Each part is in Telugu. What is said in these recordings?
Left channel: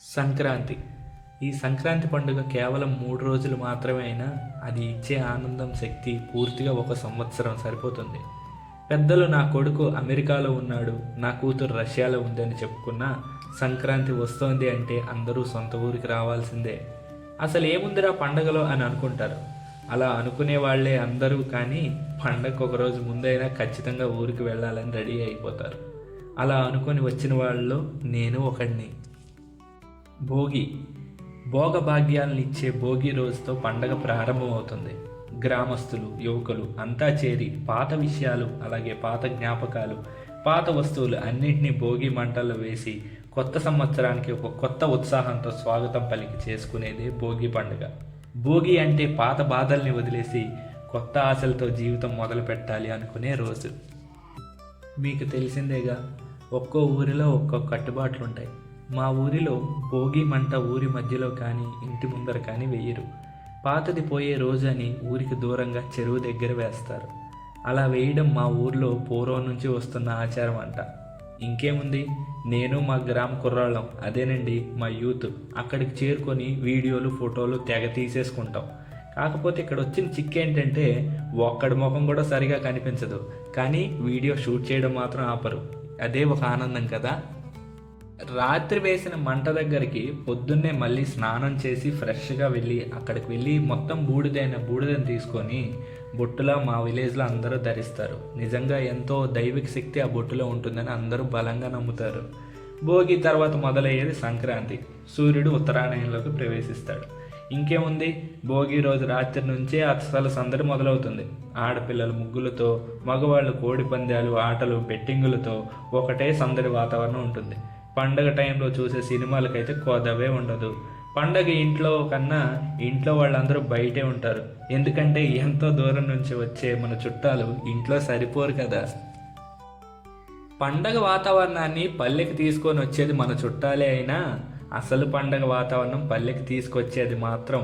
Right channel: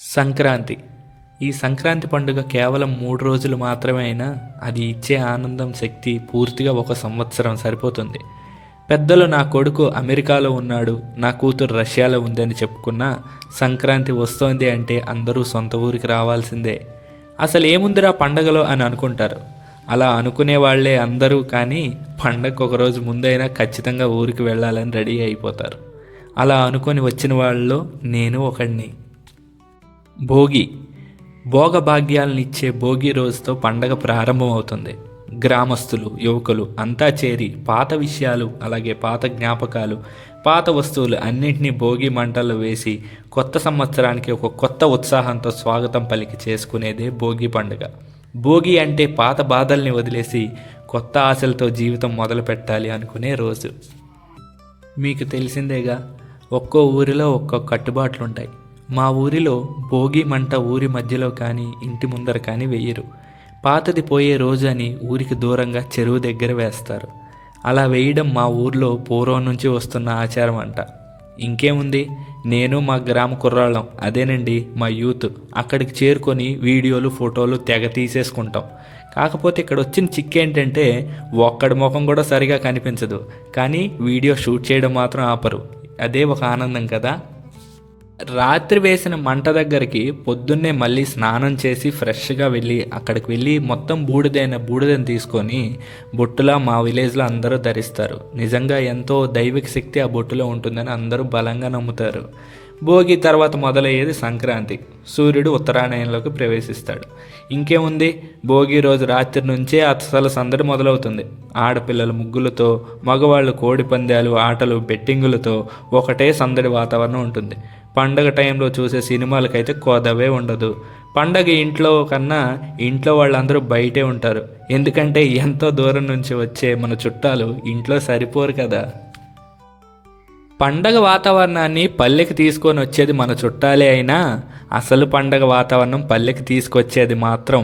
సంక్రాంతి. ఈ సంక్రాంతి పండుగ కేవలం 3 రోజులు మాత్రమే అయినా అది ఇచ్చే ఆనందం, శక్తి పూర్తిగా ఒక సంవత్సరం సరిపోతుంది. పెద్దలు నా కొడుకు అమెరికాలో ఉన్నాడు, నా కూతురు రష్యాలో ఉందని చెప్పుకున్నా సంక్రాంతి వస్తోంది అంటే అందరూ సొంత ఊరికి రావాల్సిందే. అసలు ఏముందిరా పండగలో అని అనుకుంటారు. అలా అనుకునే వాళ్ళే అందరూ, కానీ పండగకు ఒక రోజు ముందైనా ఖచ్చితంగా ఊరికి వెళ్ళాలని రెడీ అయిపోతారు. అలా అనుకొని వచ్చిన వాళ్ళలో నేను ఒకడిని. భోగి. భోగభాగ్యాలనిచ్చే భోగి రోజుతో పండగ ప్రారంభమవుతుంది. గ్రామస్తులు, యువకులు అంతా చేరి పాత విషయాలు, అలాగే పాత జ్ఞాపకాలు, పాత వస్తువులు అన్నింటినీ భోగి మంటల్లో వేసి కొత్త సంవత్సరానికి ఒక కొత్త ఉత్సాహంతో స్వాగతం పలికి చేసుకునేదే భోగి పండుగ. భోగి అంటే పాత బాధల్ని వదిలేసి కొత్త ఆశలతో జీవితం మొదలు పెట్టాలి అనుకునే రోజు. మీకు తెలిసిందేగా, ఒక్కో ఊరిలో ఒక్కో కట్టుబాట్లుంటాయి. మా ఊరిలో భోగి మంట ఊరి మధ్యలో కానీ ఇంటి ముందర కానీ వేయరు. పాతది పోయే రోజు అని ఊరికి దూరంగా చెరువు దగ్గర వేస్తారు. అలా వేయడం మా ఊర్లో పూర్వం నుంచి వస్తున్న ఆచారం అంట. ఇంకేముంది, నేను మా గ్రామ కుర్రాళ్ళం, అదేనండి మా యూత్, అక్కడికి చేరుకొని వీడియోలు, ఫోటోలు తెగ తీసేసుకుంటాం. కాకపోతే ఇక్కడ వచ్చిన చిక్కేంటంటే ఒక్కడి ముఖం కూడా సరిగా కనిపించదు, కానీ వీడియో షూట్ చేయడం మాత్రం ఆపరు. అదే ఒక ఆనందం కదా. రాత్రి వేసిన మంట దగ్గరికి పొద్దున్నే మళ్ళీ స్నానం చేసి ఫ్రెష్గా అక్కడికి వెళ్ళి మొత్తం బూడిదని తీసుకొని బొట్టులా మా విలేజ్లో అందరూ ధరిస్తారు. నిజంగా ఎంతో దైవిక శక్తి ఆ బొట్టులో ఉంటుందని అందరూ బలంగా నమ్ముతారు. భోగి తర్వాత మొదలయ్యేది సంక్రాంతి. సూర్యుడు ఉత్తరాయణంలోకి ప్రవేశిస్తాడు. ఇంకేముంది, భోగి రోజు రాత్రి నుంచే అసలు సందడి మొదలవుతుంది. ఆడపిల్లలు ముగ్గులతో, మగవాళ్ళు కోడి పందాలు, ఆటలు, బెట్టింగులతో ఒకటే సందడి వాతావరణం ఉంటుంది. పండగ టైంలో చూసే సినిమాలకైతే కోదవే ఉండదు. పండగ ఇంట్లో కన్నా ఇంట్లో వాళ్ళందరూ బయటే ఉంటారు. ఎందుకంటే ఎంతో దూరం నుంచి వచ్చే మన చుట్టాలు ఇంట్లో సరిపోరు కదా. పండగ వాతావరణాన్ని పల్లెకి తీసుకొని వచ్చేది మన చుట్టాలే అయినా అసలు పండగ వాతావరణం పల్లెకి తీసుకొచ్చేది మాత్రం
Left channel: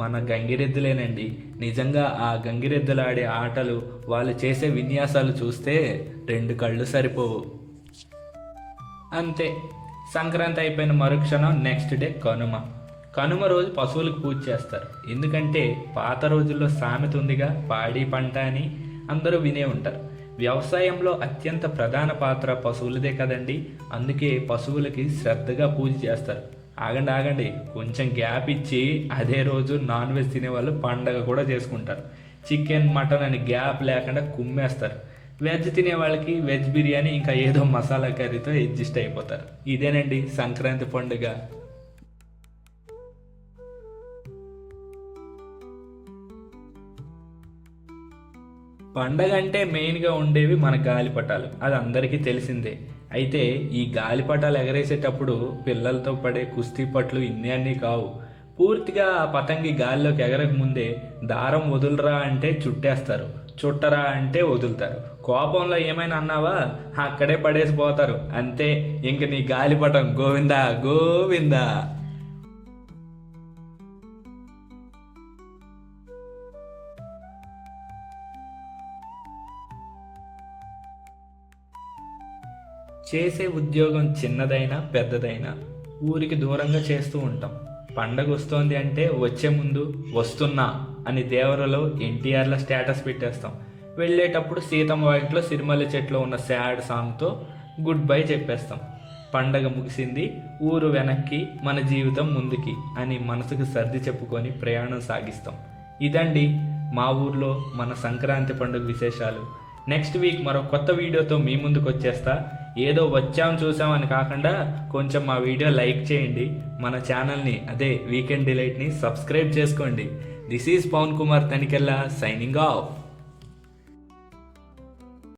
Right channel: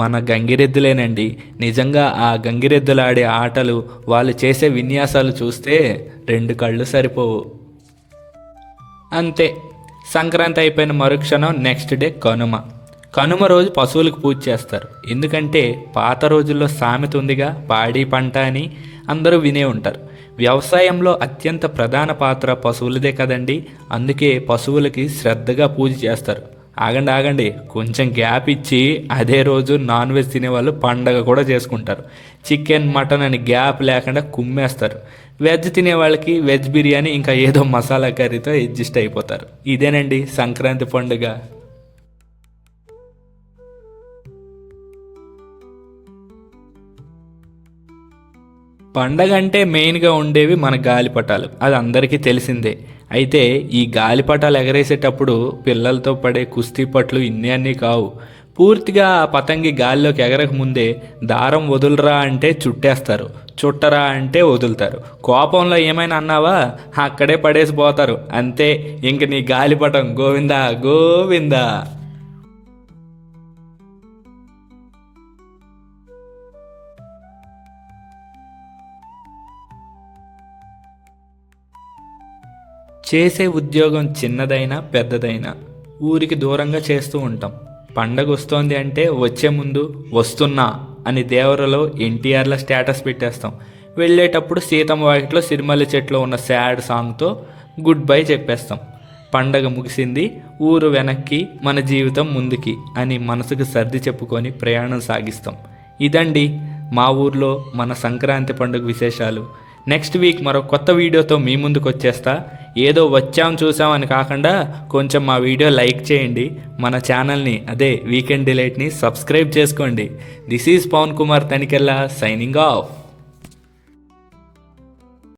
మన గంగిరెద్దులేనండి. నిజంగా ఆ గంగిరెద్దులాడే ఆటలు, వాళ్ళు చేసే విన్యాసాలు చూస్తే 2 కళ్ళు సరిపోవు. అంతే, సంక్రాంతి అయిపోయిన మరుక్షణం నెక్స్ట్ డే కనుమ. కనుమ రోజు పశువులకు పూజ చేస్తారు. ఎందుకంటే పాత రోజుల్లో సామెత ఉందిగా, పాడి పంట అని, అందరూ వినే ఉంటారు. వ్యవసాయంలో అత్యంత ప్రధాన పాత్ర పశువులదే కదండి. అందుకే పశువులకి శ్రద్ధగా పూజ చేస్తారు. ఆగండి, కొంచెం గ్యాప్ ఇచ్చి అదే రోజు నాన్ వెజ్ తినేవాళ్ళు పండగ కూడా చేసుకుంటారు. చికెన్, మటన్ అని గ్యాప్ లేకుండా కుమ్మేస్తారు. వెజ్ తినే వాళ్ళకి వెజ్ బిర్యానీ, ఇంకా ఏదో మసాలా కర్రీతో అడ్జస్ట్ అయిపోతారు. ఇదేనండి సంక్రాంతి పండుగ. పండగ అంటే మెయిన్గా ఉండేవి మన గాలిపటాలు, అది అందరికీ తెలిసిందే. అయితే ఈ గాలిపటాలు ఎగరేసేటప్పుడు పిల్లలతో పడే కుస్తీ పట్లు ఇన్ని అన్నీ కావు. పూర్తిగా ఆ పతంగి గాలిలోకి ఎగరక ముందే దారం వదులురా అంటే చుట్టేస్తారు, చుట్టరా అంటే వదులుతారు. కోపంలో ఏమైనా అన్నావా అక్కడే పడేసి పోతారు. అంతే, ఇంక నీ గాలిపటం గోవిందా గోవిందా. చేసే ఉద్యోగం చిన్నదైనా పెద్దదైనా ఊరికి దూరంగా చేస్తూ ఉంటాం. పండగ వస్తోంది అంటే వచ్చే ముందు వస్తున్నా అని దేవరలో ఎన్టీఆర్ల స్టేటస్ పెట్టేస్తాం. వెళ్ళేటప్పుడు సీతమ్మ వాకిట్లో సిరిమల్లి చెట్లో ఉన్న సాడ్ సాంగ్తో గుడ్ బై చెప్పేస్తాం. పండగ ముగిసింది, ఊరు వెనక్కి, మన జీవితం ముందుకి అని మనసుకు సర్ది చెప్పుకొని ప్రయాణం సాగిస్తాం. ఇదండి మా ఊర్లో మన సంక్రాంతి పండుగ విశేషాలు. నెక్స్ట్ వీక్ మరో కొత్త వీడియోతో మీ ముందుకు వచ్చేస్తా. ఏదో వచ్చాం చూసామని కాకుండా కొంచెం మా వీడియో లైక్ చేయండి. మన ఛానల్ని, అదే వీకెండ్ డిలైట్ని సబ్స్క్రైబ్ చేసుకోండి. This is Pavan Kumar Tanikella signing of.